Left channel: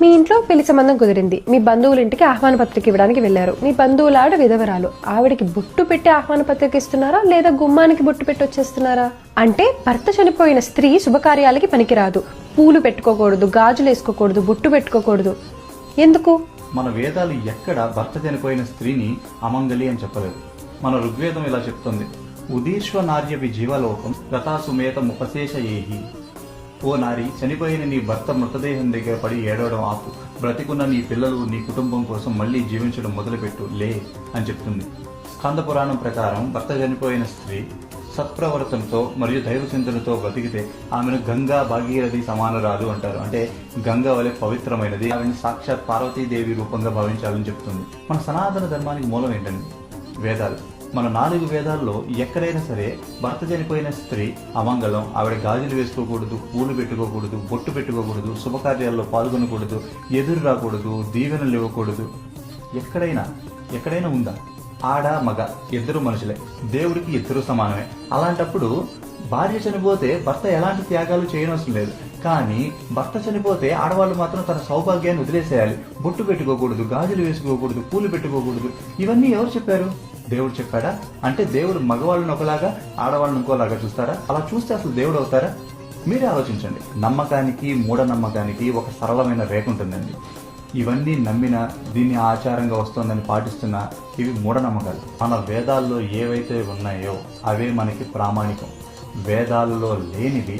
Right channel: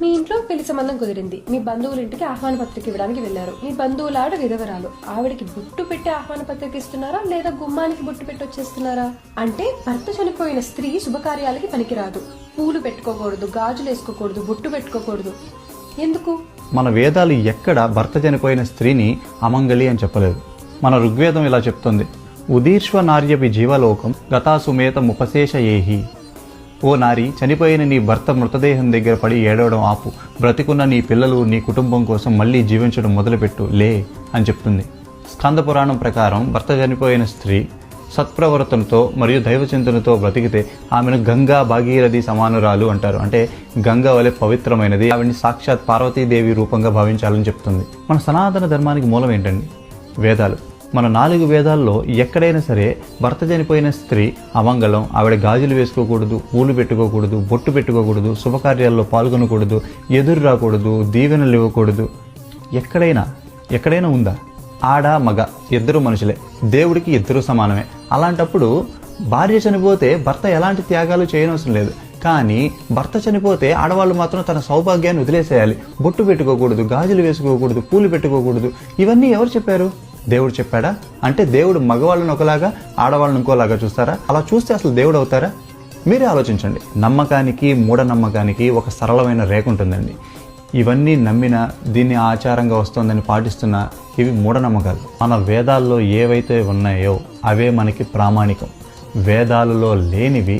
మీ ఇంట్లో పెళ్లి సంబంధం కుదిరింది. మీ బంధువుల ఇంటికి ఆహ్వాన పత్రిక ఇవ్వడానికి వెళ్లారు. మీ బంధువుల ఆవిడ విధవరాలు. ఆవిడకి బొట్టు పెట్టి ఆహ్వాన పత్రిక ఇస్తున్నారా, లేదా గుమ్మానికి బొట్టు పెట్టి వచ్చేస్తున్నారా? అంటే భర్త చనిపోయిన స్త్రీ శుభకార్యాలకి పనికిరాదు. పూలు పెట్టుకోకూడదు, గాజులు వేసుకోకూడదు, బొట్టు పెట్టుకోకూడదు. ఎందుకు? మన వేదాలు ఎక్కడ భర్త చనిపోయిన స్త్రీని అమంగళి అని చెప్పలేదు. మన ఋగ్వేదం ఇలా చెప్తుంది, ఉదీర్ష్వ నార్యవి జీవలోకం గతాసుమేత ముపశేష ఏహి. ఓ నారి, చనిపోయిన నీ భర్త మృతదేహం దగ్గర పడి ఏడవడం ఆపు. బ్రతికున్న నీ పిల్లలు, నీ కుటుంబం కోసం మళ్ళీ జీవించడం మొదలుపెట్టు, లే అని చెప్తుంది. స్కంద పురాణం ప్రకారం భర్త చనిపోయిన స్త్రీ సత్ప్రవర్తనతో మరియు దైవచింతనతో బ్రతికితే ఆమెను గంగా భాగీరథి సమానురాలు అంటారు. అంటే గంగా వలె పవిత్రమైనది. ఆవిడని సాక్షాత్ పార్వతీదేవి రూపంగా భావించాలని చెప్తుంది. మన సనాతన ధర్మానికి మూలం ఏంటండి? వేదాలు. మన 4 వేదాల్లో ఎక్కడైనా సరే భర్త చనిపోయిన స్త్రీ అమంగళం, ఆవిడ గాజులు వేసుకోకూడదు, పూలు పెట్టుకోకూడదు, బొట్టు పెట్టుకోకూడదు, శుభకార్యాల్లో పాల్గొనకూడదు, ఎదురు రాకూడదు, దీవెనలు ఇవ్వకూడదు. ఎక్కడైనా ఉందా? ఆడ మగ ఇద్దరు మనుషులే, దేవుడికి ఇద్దరు సమానమే. అలాంటప్పుడు భార్య చనిపోతే భర్త ఎలాంటి త్యాగాలు చేయనవసరం లేదు. కానీ భర్త చనిపోతే ఆడవాళ్ళు మాత్రం తన సౌభాగ్యాన్ని వదిలేసేయాలి. బొట్టు పెట్టుకోకూడదు, గాజులు వేసుకోకూడదు, పూలు పెట్టుకోకూడదు. ఇవన్నీ ఎవరు చెప్పారు? దేవుడు చెప్పాడా? అంటే దేవుడు మగవాళ్ళని ఒకలాగా, ఆడవాళ్ళని ఇంకోలాగా చూస్తారా? అలా చూస్తే అసలు దేవుడు అవుతారా? మీరే ఆలోచించండి. నమ్మకానికి మూఢనమ్మకానికి ఒక సరళమైన రేఖ ఉంటుందండి. ఇవన్నీ నమ్మినా, దీన్ని ఆచారంగా వస్తుందని పాటిస్తున్నా ఇవి మూఢనమ్మకాలు. మన వేదాల్లో ఏవైతే ఉన్నాయో అవే మనకి ప్రామాణికం. వేదాలలో లేనివి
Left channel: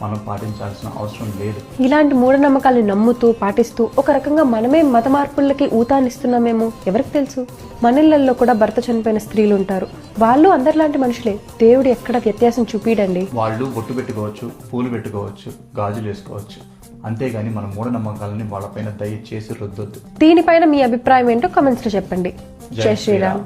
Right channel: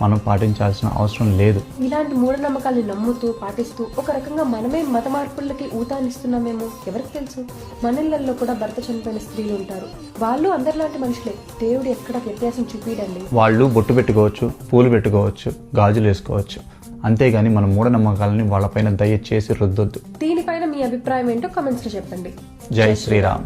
మనం పాటించాల్సిన అవసరం లేదు. ఇలాంటి మూఢనమ్మకాలను నమ్ముతూ పాటిస్తూ ఒక రకంగా మనమే మత మార్పులకి ఊతాన్నిస్తున్నామేమో ఎవరికి తెలుసు. మన ఇళ్లలో కూడా భర్త చనిపోయిన స్త్రీలు ఉంటారు. వాళ్ళు అందరిలాంటి మనుషులే. దేవుడు ఎక్కడ వ్యత్యాసం చూపిడండి. వాళ్ళు బొట్టు పెట్టుకోవచ్చు, పూలు పెట్టుకోవచ్చు, గాజులు వేసుకోవచ్చు. అంతేగాని మన మూఢనమ్మకాలని వాళ్ళపైన దయచేసి రుద్దొద్దు. దీనిపైన మీ అభిప్రాయం ఏంటో కామెంట్స్ లో చెప్పండి. జై శ్రీరామ్.